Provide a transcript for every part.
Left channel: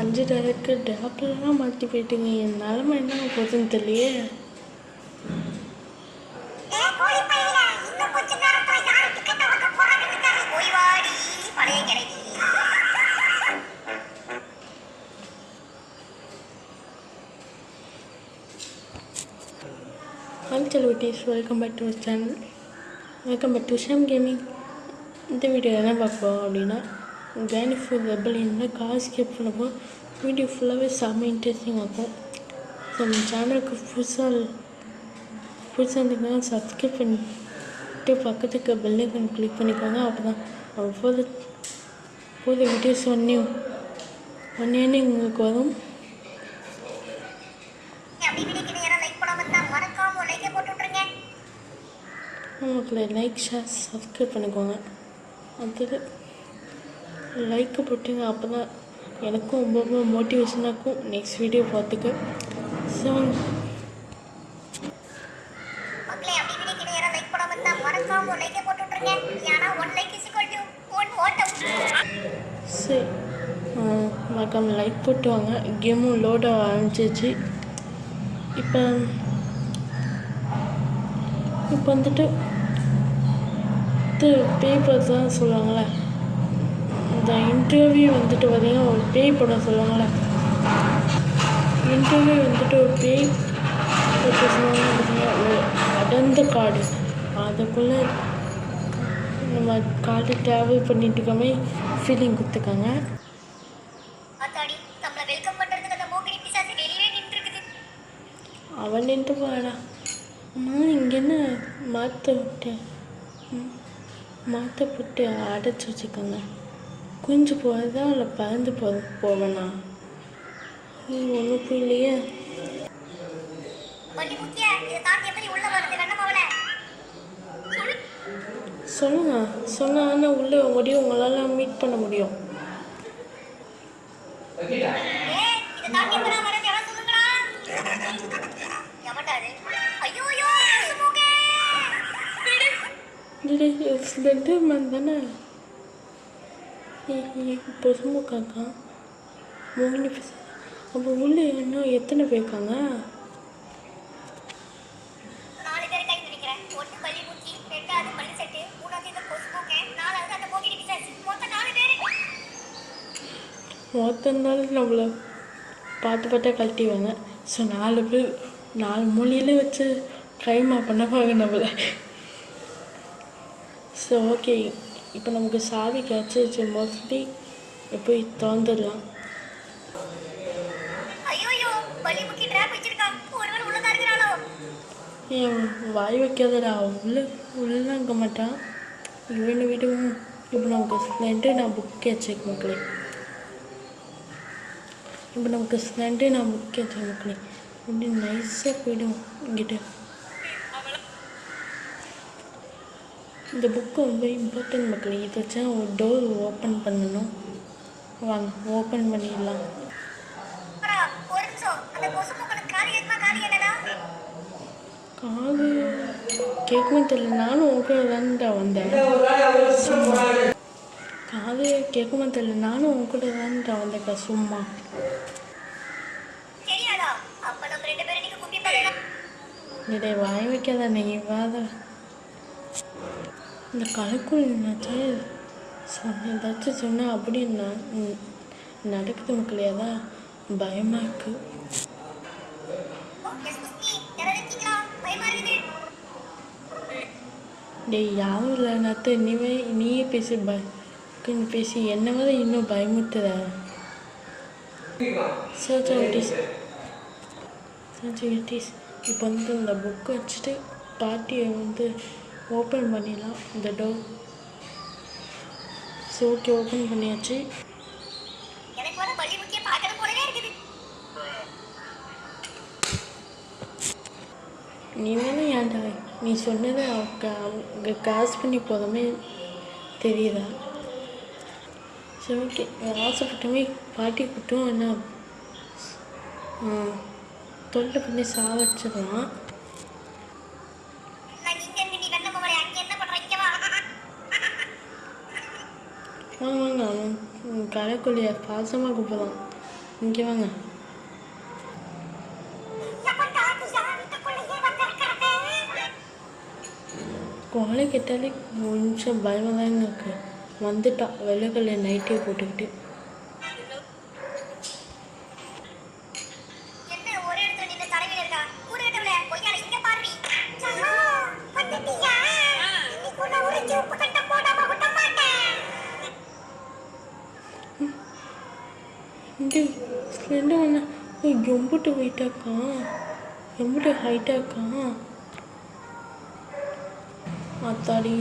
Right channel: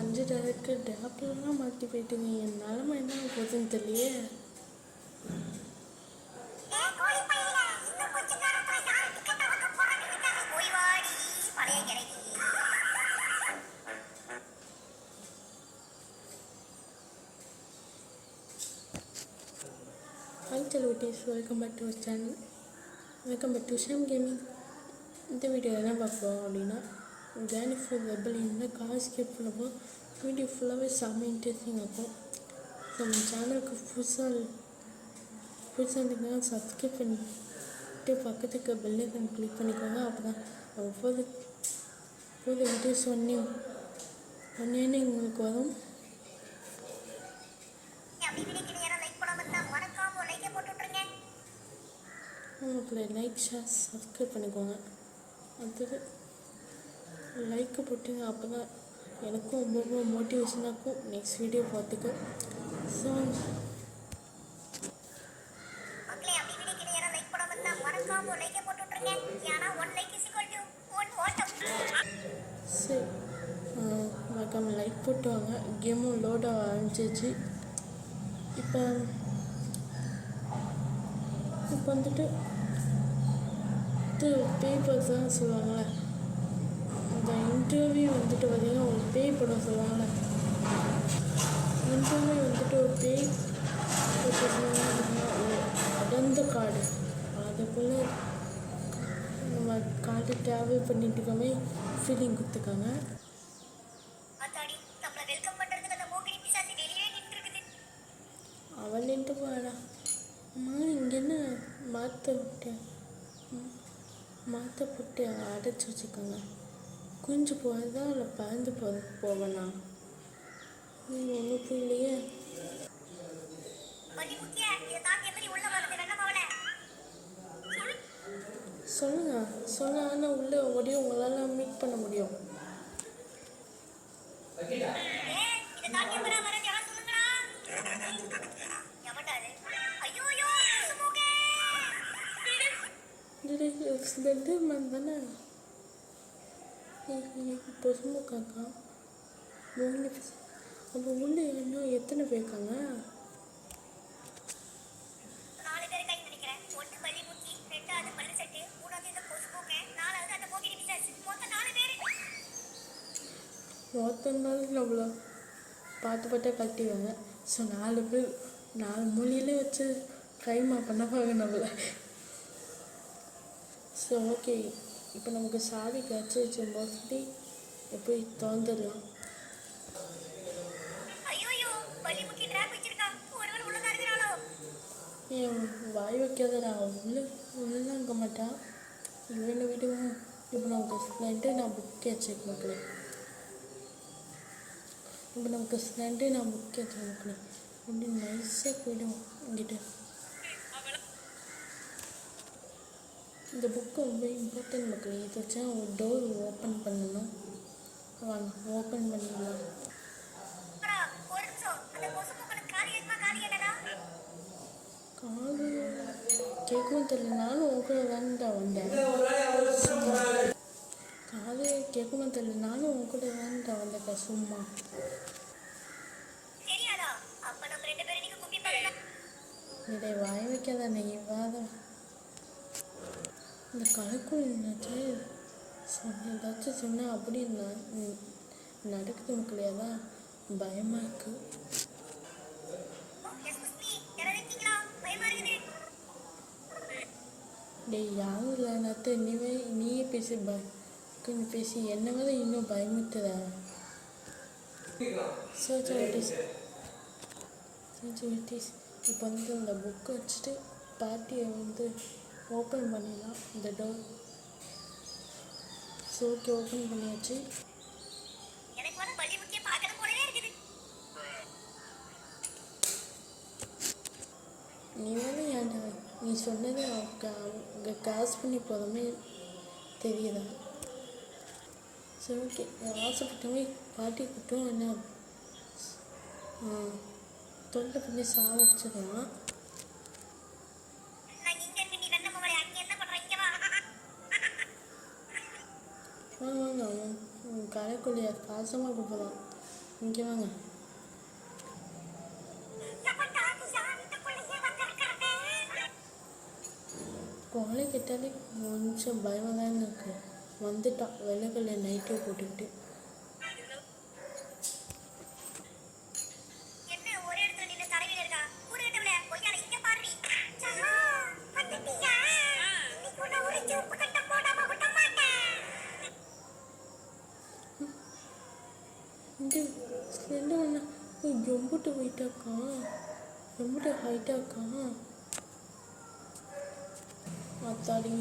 5 director டேப்லலாம் மாற்றி போயிட்டுங்க. என் நிலமை என்ன போகுதுன்னு தெரியலையே. Hello, welcome back to our channel. Welcome back to Sham Gaming. இந்த வீடியோ என்ன பார்ப்போம் அப்படின்னா கிராண்ட் ஃபுட் ரெபலியனில் காசு கேப் பண்ணப்போ வீடியோ ஃபுல்லாகவே செம்ம இன்ட்ரெஸ்டிங்காக இருக்கும். ஸோ நம்ம சேனலுக்கு புதுசாக இருந்தீங்கன்னா சப்ஸ்கிரைப் பண்ணிட்டு பக்கத்துக்கு பெல் ஐக்கான் கிளிக் பண்ணிக்கோங்க. அப்போ தான் போத வீடியோஸ் ஒன்றே உங்களுக்கு வரும். மக்களை லைக் ஷேர் சப்ஸ்கிரைப் பண்ணிக்கோங்க. அடுத்தது லைக்கு போட்டுங்க. அப்போ தான் எனக்கும் ரொம்ப மோட்டிவேஷனாக இருக்கும் நெக்ஸ்ட் வீடியோ பார்த்துக்க. ஸோ சரி மறக்காம லைக் போட்டு வாங்க. கேமும் லோட் ஆரம்பிச்சிச்சு. இப்போ வந்துட்டு பேப்பர்ஸ் தான் சொல்லுவாங்களே, இந்த இன்டர்வியூ வந்துட்டு பார்த்திங்கன்னா ஒரு பேய் படம் சொல்லுவாங்களே, இன்டர்வியூ வந்துட்டு ஒரு பேய் சொல்லுவாங்க பார்த்திங்கன்னா ஒரு அடர்ந்த காடு, அதுக்குள்ளே நம்ம காடு ட்ராவல் பண்ணிட்டு இருக்கமே ஃபீலிங் கொடுத்துருக்காங்க. அவன் நின்று போடா. இங்கே என்ன மாற்ற போட்டு அடைச்சி வச்சுக்கோங்க. குஞ்சு போகிறதா இல்லை பறந்து போவேண்ணா ஒன்றும் புரியலையே. சொன்னா ஆனால் உள்ளே முடியும், உங்களால் மீட் பண்ண முடியும். ஸ்லெண்டர்மேன் தானே பொசுமுக்காக்கா மோகினி. அப்போ உள்ளே இன்னும் எத்தனை பேர் இருக்காங்க? மொத்தம் நாள் நம்மளை பார்த்து கழட்டிவாங்க. ஸோ 4 பேர் 4 மொழியில வச்சு ட்ரைமா பண்ணப்பாங்க நம்மளை. ஸோ ஓகே, இப்போ நமக்கு சாவி கிடச்சிச்சு. மோஸ்ட்லி போய் திறந்துடலாம். ஏன் வாய் வைக்காதடா, உள்ளே இருக்க மாட்டான். இவனை விடுவோம். இப்போ நமக்கு ஸ்ப்ளெண்டர் நான் புக் வச்சேன் மக்களே. இப்படி நைஸாக போய்டும் இங்கிட்ட. இந்த புக்கு ரொம்ப இம்பார்ட்டன்ட் மக்களே. இதை வச்சா ஒரு டோர் ஓப்பன் பண்ணணும். வாங்க ஓப்பன் பண்ணிடலாம். காது கேட்குமே தெரியல. நானும் உங்கள்கிட்ட தான்டா வந்தேன். காது கேட்குமே தெரியல. நானும் உங்கள்கிட்ட தான்டா வந்தேக்கா சும்மா. இதை வாய் வைக்காத நீங்கள் வாத. இந்த கலைக்குள் ஏதாச்சும் சொன்னால் அப்படி நடக்குது மக்களே. அதான் பயமாக இருக்குது. டேய் யாரும் இல்லை நத்து, நீயே பேசி பேசி என்ன வர இன்னும் பயமுத்துற. இப்போ வந்து இந்த புக்கை வச்சுட்டு பாட்டியை வந்து ஓப்பன் பண்ணிடலாம் இந்த டோர். ஸோ ஓகே, ஓப்பன் பண்ணியாச்சு. நீ வேணா ஏன்டா நீ சொன்னதை அவங்க காசு பண்ணி போதுமே தெரியுதா? சரி ஓகே, ஆசைப்பட்டமே பாட்டி கூட்டும் என்ன தொல்லை பண்ணி சாவச்சிடலாம். வாங்க கலைக்குள்ளிய பாசமாக கூப்பிடலாம். இங்கே வாங்க. கோலை கேட்டாலே கொஞ்சம் பயமாக தாங்க இருக்கு. வந்துட்டான் வெள்ளைக்கல்ல நைட்டே போட்டுக்கிட்டு. இந்த ஸ்லெண்டு ஒன்று எம்பிட்டு வெயிட்டாக்கா, எம்பிட்டு ஹைட்டாக்கா. அத்தாடி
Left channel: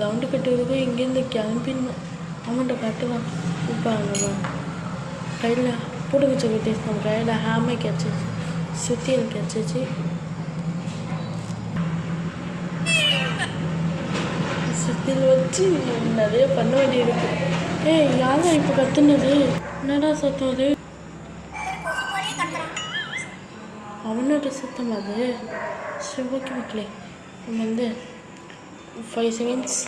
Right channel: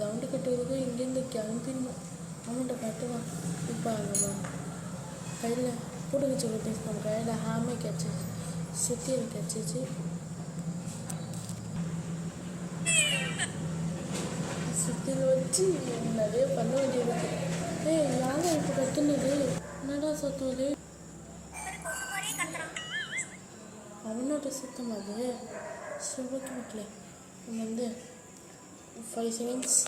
ரவுண்டு கட்டுறதுக்கு இங்கேருந்து கிளம்பிடணும். அவன்கிட்ட கட்டலாம். இப்போ நம்ம கையில் பிடுங்க சொல்லிட்டு நம்ம கையில் ஹேமை கிடச்சிச்சு, சுத்தியல் கிடச்சிச்சு. சுத்தியல் வச்சு நிறைய பண்ண வேண்டியிருக்கு. யாரும் இப்போ கத்துனது என்னடா சத்தம் அது? அவனோட சத்தம் அது. சரி ஓகே மக்களே, நம்ம வந்து 5 செகண்ட்ஸ்.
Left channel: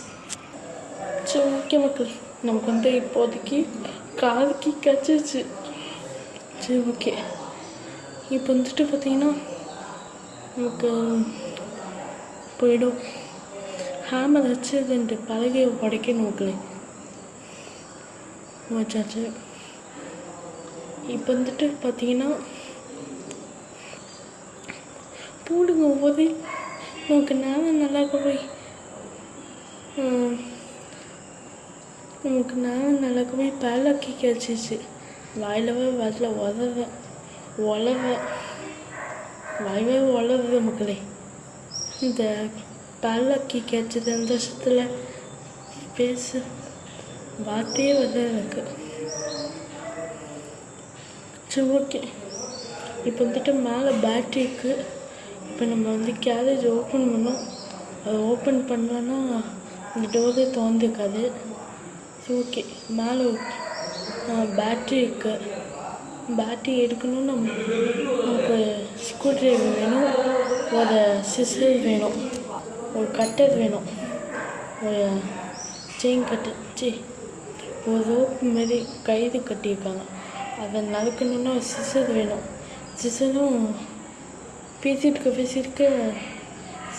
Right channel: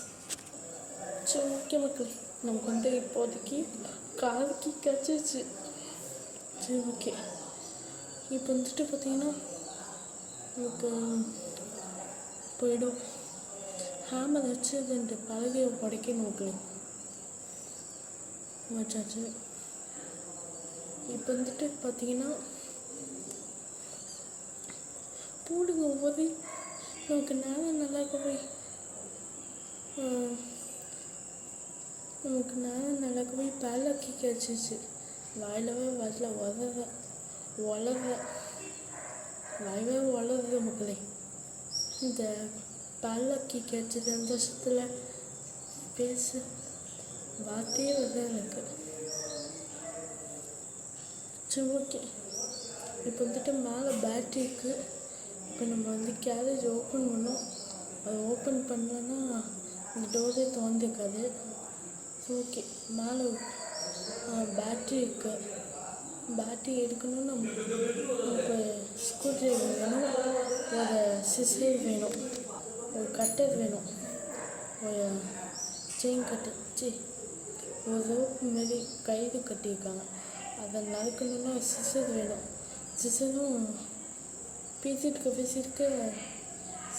சரி ஓகே மக்களே, நமக்கு வந்து இப்போதைக்கு காதுக்கு கச்சிச்சு. சரி ஓகே, இப்போ வந்துட்டு பார்த்தீங்கன்னா நமக்கு போயிடும். ஹேமர் வச்சு 2 பலகையை உடைக்கணும் மக்களே. வச்சாச்சு. இப்போ வந்துட்டு பார்த்தீங்கன்னா போடுங்க ஒவ்வொரு நமக்கு நேரம் நல்லா போய் நமக்கு நேரம் நல்லா போய் பேலக்கி கிடச்சிச்சு. வாயிலவே வரல, வளர வாயவே வளருது மக்களே. இந்த பேலக்கி கிடச்சது அந்த வருஷத்தில் பேச வார்த்தையே வரல எனக்கு. சரி ஓகே, இப்போ வந்துட்டு மேலே பேட்ரி இருக்குது. இப்போ நம்ம வந்து கேரேஜ் ஓப்பன் பண்ணோம். அதை ஓப்பன் பண்ணோன்னா இந்த டோரே திறந்துக்காது. சரி ஓகே, மேலே பேட்ரி இருக்குது. பேட்ரி எடுக்கணும்னு நமக்கு ஸ்க்ரூ ட்ரைவர் வேணும், ஒரு சிசர் வேணும், ஒரு கட்டர் வேணும், ஒரு செயின் கட்டர், ஒரு ரோப்பு மாரி கயிறு கட்டியிருக்காங்க. அதை நடக்கணுன்னா ஒரு சிசர் வேணும். சிசரும் பேசிட்டு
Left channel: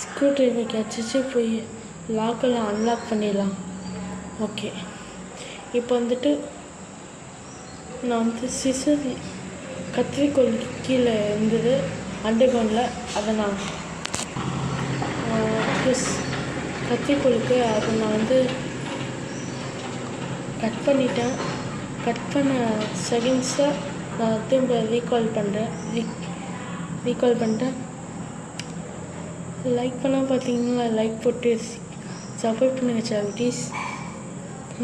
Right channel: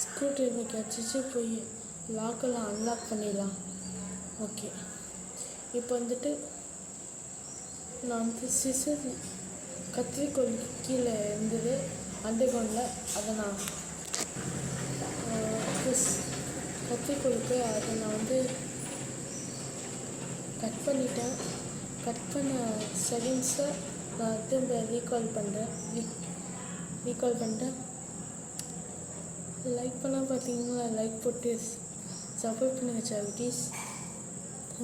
ஸ்க்ரூ ட்ரைவர் கிடச்சிச்சு. போய் லாக்கெல்லாம் அன்லாக் பண்ணிடலாம். ஓகே, இப்போ வந்துட்டு நான் வந்து சிசர் கத்திரிக்கோள் கீழே இருந்தது அண்டர் கிரவுண்டில். அதை நான் கத்திரிக்கோளுக்கு அதை நான் வந்து கட் பண்ணிட்டேன். கட் பண்ண செகண்ட்ஸை நான் திரும்ப ரீகால் பண்ணிட்டேன். லைக் பண்ணால் பார்த்தீங்கன்னா லைக் போட்டு சப்போர்ட் பண்ணுங்கள் சாரிட்டீஸ்.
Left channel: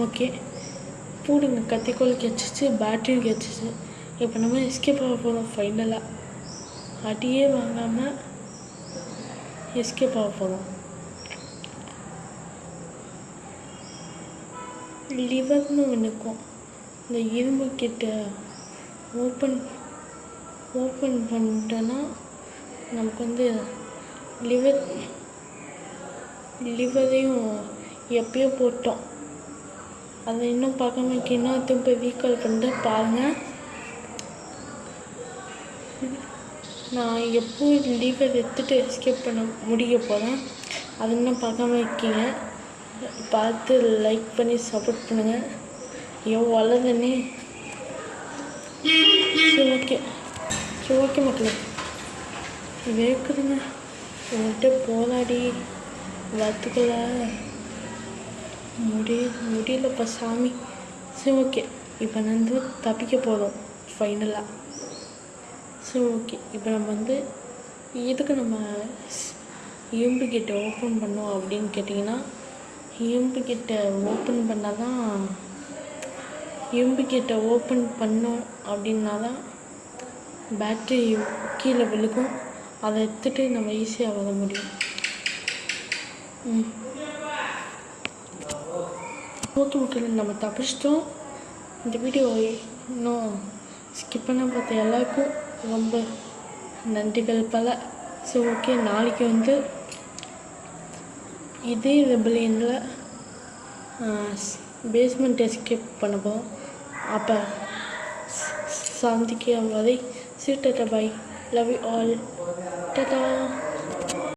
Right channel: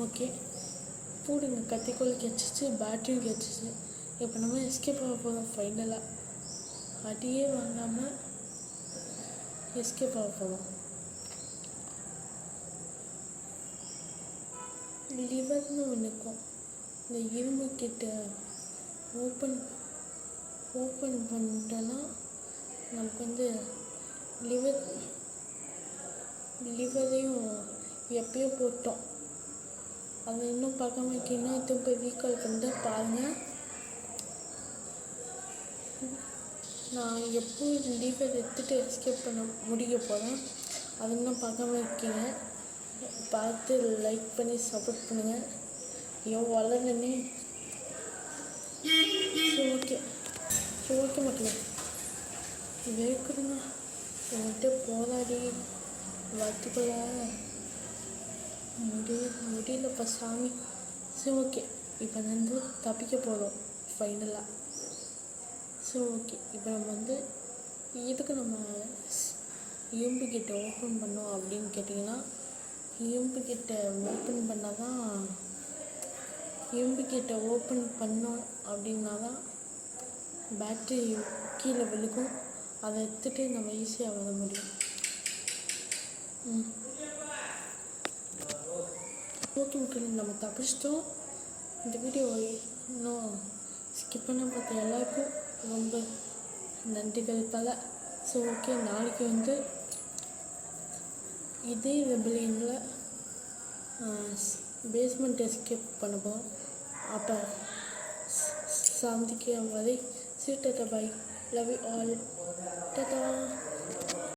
ஓகே, போடுங்க. கத்திரிக்கோள் கிடச்சிச்சு, பேட்டரியும் கிடச்சிச்சு. இப்போ நம்ம எஸ்கேப் ஆக போகிறோம். ஃபைனலாக அடியே வாங்காமல் எஸ்கேப் ஆக போகிறோம். லிவர்னு ஒன்றுக்கும் இந்த இரும்பு கிட்ட ஓப்பன் பண்ணிட்டோன்னா நமக்கு வந்து லிவரையும் எப்பயோ போட்டோம். அதை இன்னும் பார்க்காம இருக்கீங்கன்னா திரும்ப ரீகால் பண்ணிட்டு பாருங்கள். நான் எப்போ லிவர் எடுத்துகிட்டு எஸ்கேப் பண்ண முடிய போகிறேன். அது இன்னும் பார்க்காம இருக்கீங்க, பார்த்து லைக் பண்ணி சப்போர்ட் பண்ணுங்கள். வளருதுன்னே. சரி ஓகே மக்களே, வேக்குதுங்க. உங்கள்கிட்ட போராடி வரத்துக்குள்ள முடியலப்பா சாமி. சரி ஓகே, இப்போ நான் வந்து தப்பிக்க போகிறோம் ஃபைனலாக. சரி ஓகே, இப்போ நம்ம வந்து எதுக்கு நம்ம இரும்பு கேட்டை ஓப்பன் பண்ணோம் அப்படின்னு கேட்டிங்கன்னா, இரும்பு கேட்டை ஓப்பன் பண்ணால் தான் அப்படின்னா தான் பேட்ரி கீழே விழுகும். அதை எடுத்துகிட்டு நம்ம ஈஸியாக வர முடியும். ஓகே மக்கள், நம்ம தப்பிச்சிட்டோம். இந்த வீடியோ இன்னும் ஸ்கிப் பண்ண பார்த்த எல்லாருக்கும் ரொம்ப நன்றிகள் பல. ஸோ ஓகே, நாளைக்கு வந்து இதே ரெபலியனில் பேஸ்மெண்ட் எஸ்கேப் பண்ண போகிறோம். அப்போ சந்திக்கும் வரை tata bye. Love you all. Tata.